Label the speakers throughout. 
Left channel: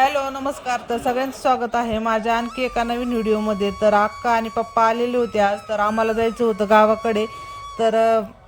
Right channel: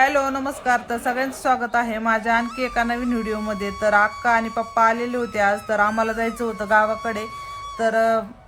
Speaker 1: Hello नमस्कार. तर सगळ्यांचं स्वागत आहे माझ्या आणखी एका नवीन व्हिडिओमध्ये. तर अक्का आणि पप्पा आलेले होते आज तर आम्हाला जायचं होतं गावाकडे. तर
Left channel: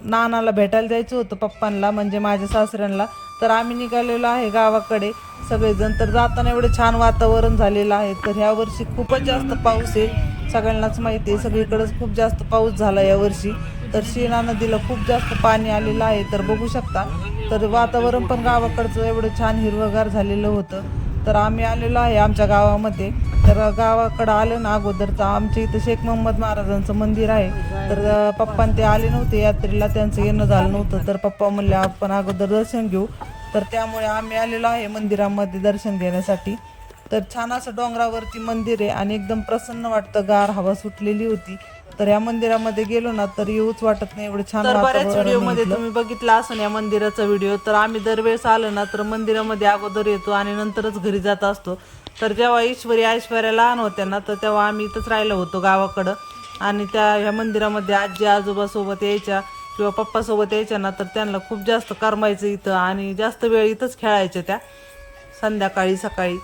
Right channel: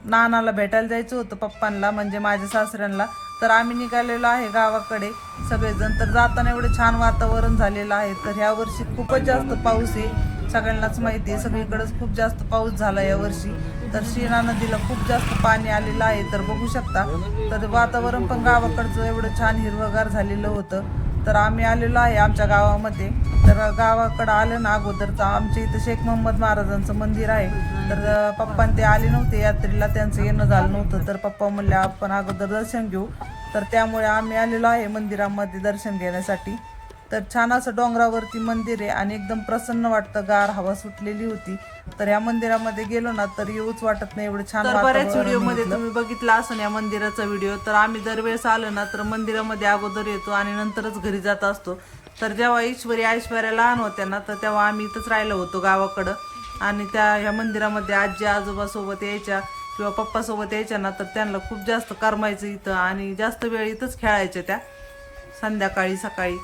Speaker 1: नानाला भेटायला जायचं होतं पप्पांना म्हणजे माझ्या सासऱ्यांना. तर आम्ही निघालेलो आहे गावाकडे. सगळेजण तर जाताना एवढं छान वातावरण झालेलं आहे. तर ह्या वर्षी खूपच जास्त पाऊस आहे. सगळ्यांनाच माहिती आहे सगळीकडेच खूप जास्त पाऊस झाला यावर्षी तर शिणा नदीला खूप जास्त पाणी आलेलं आहे. तर बघू शकता. तर वातावरण पण गावाकडचं एवढं छान हिरवगार झालेलं होतं. तर आम्ही आलेलो आहे आमच्या गावामध्ये. तर गावाकडं आलं ना अगोदर तर आमच्या इथं शेख मोहम्मद महाराजांचं मंदिर आहे. तर पप्पा ते आले नव्हते यात्रेला त्यांचं येणं झालं नव्हतं. तर पप्पा म्हणले आपण अगोदर दर्शन घेऊ. तर त्यामुळे आम्ही आलेलो आहे मंदिरामध्ये दर्शन घेण्यासाठी. तर छान असं डोंगरावरती मंदिर आहे आणि एकदम प्रसन्न वाटतं. गार हवा सुटलेली होती. तर या मंदिरामध्ये गेलो ना तर येऊच वाटत नाही एवढं छान बऱ्याच व्हिडिओमध्ये तुम्ही बघितला असून या मंदिराचा व्हिडिओ. तर आम्ही दरवेळेस आलो ना तर मंदिरामध्ये अगोदर येतो आणि नंतरच घरी जात असतो. तर जेव्हा ईश्वरी ऐश्वर्या लहान होत्या ना तर तेव्हा आम्ही इथंच राहिलो होतो गावाकडं. आणि त्या ह्या मंदिरामध्ये आजी आजोबा सोबत यायच्या किंवा पप्पा सोबत यायच्या ना तर त्यांना खूप जास्त करमायचं इथं आणि जास्त वेळ इथंच खेळायच्या त्या. संध्याकाळी सकाळी.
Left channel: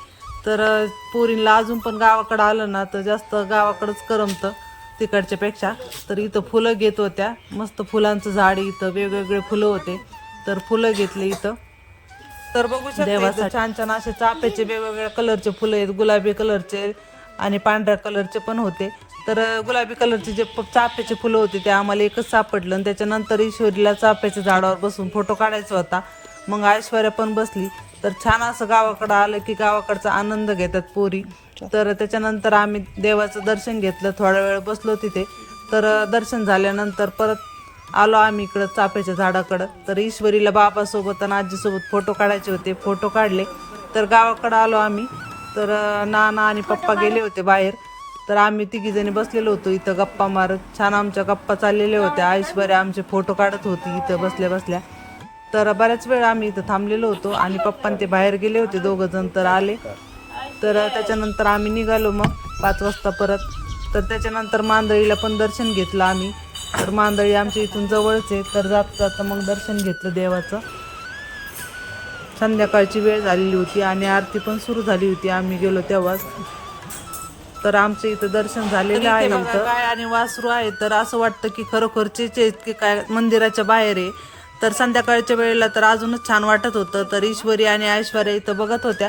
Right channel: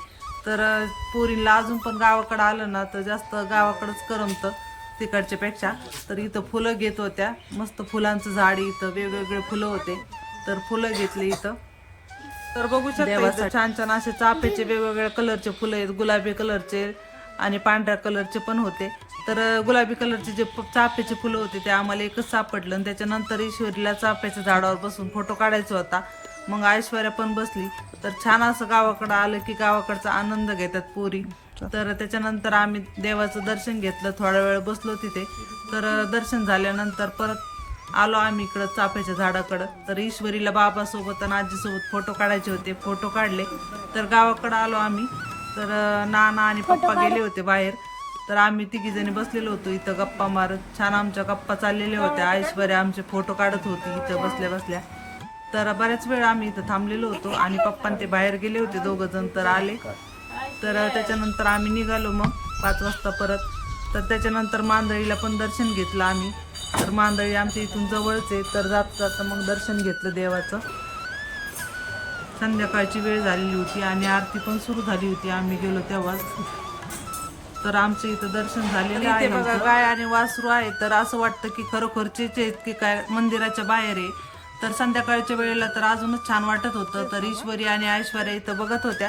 Speaker 1: तर पोरींला अजून पण गावाकडं आलं ना तर जास्त गावाकडंच करमतं तिकडच्या पेक्षा. तर इथं फुलं घेत होत्या. मस्त फुलांचं झाड इथं वेगवेगळे फुलं होते. तर फुलं घेतले इथं. तर बघू शकता छान छान असे चाफ्याचे वेगवेगळ्या कलरचे फुलं आहेत. गुलाबी कलरचे आणि पांढऱ्या कलरचे पण होते. तर गुलाबी कलरचे जे चाफ्याचे फुलं होते ते आम्हाला एकच सापडलं. आणि त्याच्यानंतर ईश्वरीला चाफ्याच्या झाडावर बसून फोटो काढायचा होता. मग ऐश्वर्या पण बसली. तर छान असं गावाकडं आलं की गावाकडचा आनंद घेतात पोरी. तर त्याच्यानंतर आम्ही देवाचं दर्शन घेतलं. थोडा वेळ बसलो तिथे. तर दर्शन झाल्यानंतर परत आलो आम्ही इकडं चाफ्याच्या झाडाकडं. तर ईश्वरीला बाबासोबत आणि आजीसोबत फोटो काढायचे होते. फोटो काढले. तर गावाकडं आलो आम्ही. तर नाना आणि पप्पा गेले होते बाहेर. तर आम्ही तिघी जणी बसलेलो होतो इथं गप्पा मारत. छान आमच्या गप्पा चाललेल्या होत्या. ऐश्वर्या आमचे फोटो काढत होती इथं बसल्या बसल्या. तर बऱ्याच वेळ आम्ही इथं थांबलेलो होतो आणि पप्पा ते बाहेर गेले होते दोघं जण तर आले. तर त्याच्यानंतर आम्ही निघालो मग पाच वाजता परत. तर त्याच्यानंतर मांदळीला पण दर्शन घेतलं आम्ही. तर मांदळी आमच्या इथून जवळच आहे तर जात जाता मग दर्शन घेतलं देवाचं. संध्याकाळची वेळ झालेली होती आणि आरती पण सुरू झाली होती आम्ही गेलो तेव्हाच. तर आमच्या इथं दर्शन झालेलं आहे आणि वासरू आहे तर असं वाटतं की खरोखरचेच आहेत की काय मंदिराच्या बाहेर आहे. तर संध्याकाळच्या वेळेला तर अजूनच छान वाटत होतं तर ईश्वरी आणि ऐश्वर्या इथं बघत होत्या.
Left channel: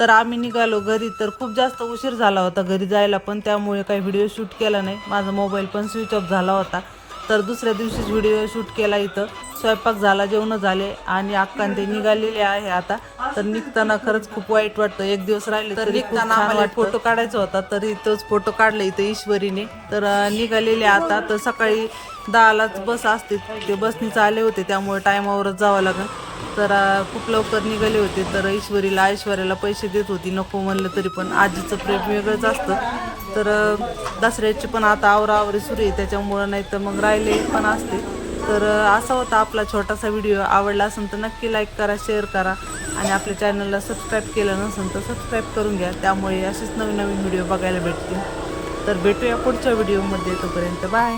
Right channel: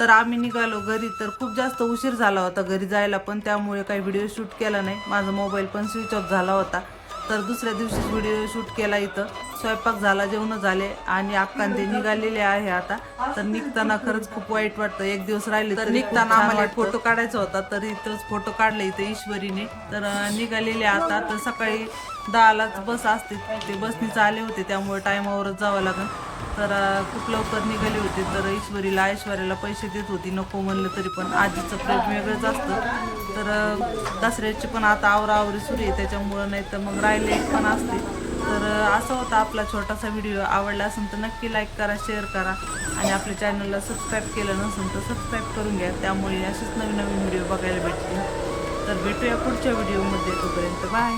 Speaker 1: तर आम्ही निघालो घरी तर खूप जास्त उशीर झाला होता घरी जायला पण त्यामुळे काही व्हिडिओ शूट केला नाही. माझा मोबाईल पण स्विच ऑफ झाला होता. तर दुसऱ्या दिवशीच व्हिडिओ शूट केला इथं. स्वयंपाक झाला जेवण झाले आणि ते निघालेले आहे आता. तर निघताना खरंच खूप वाईट वाटतं. एक दिवस राहिले तर निघताना फोटो काढायचा होता तर इथंच फोटो काढला इथं ईश्वरीने. तर निघालेले आता. तर सकाळी दहालाच बस असते ते बसनीच आले होते त्यामुळे टायमावरच जावं लागेल. तर खूप लवकर निघाले होते तर ईश्वरीला ऐश्वर्याला पैसे देत होती नको म्हणलं तरी पण. आजीचं प्रेम वेगळंच असतं. तर दसऱ्याची पण आता आवराआवरी सुरू आहे त्याच्यामुळं नाही तर मग राहिले पण असते. तर असा होता आपला छोटासा व्हिडिओ. आवडला असेल तर नक्की लाईक करा शेअर करा. आणि आपल्या चॅनलला सबस्क्राईब केलं नसेल तर सबस्क्राईब करून घ्या. त्यामुळे असेच नवीन नवीन व्हिडिओ बघायला भेटतील. तर भेटूया पुढच्या व्हिडिओमध्ये तोपर्यंत. बाय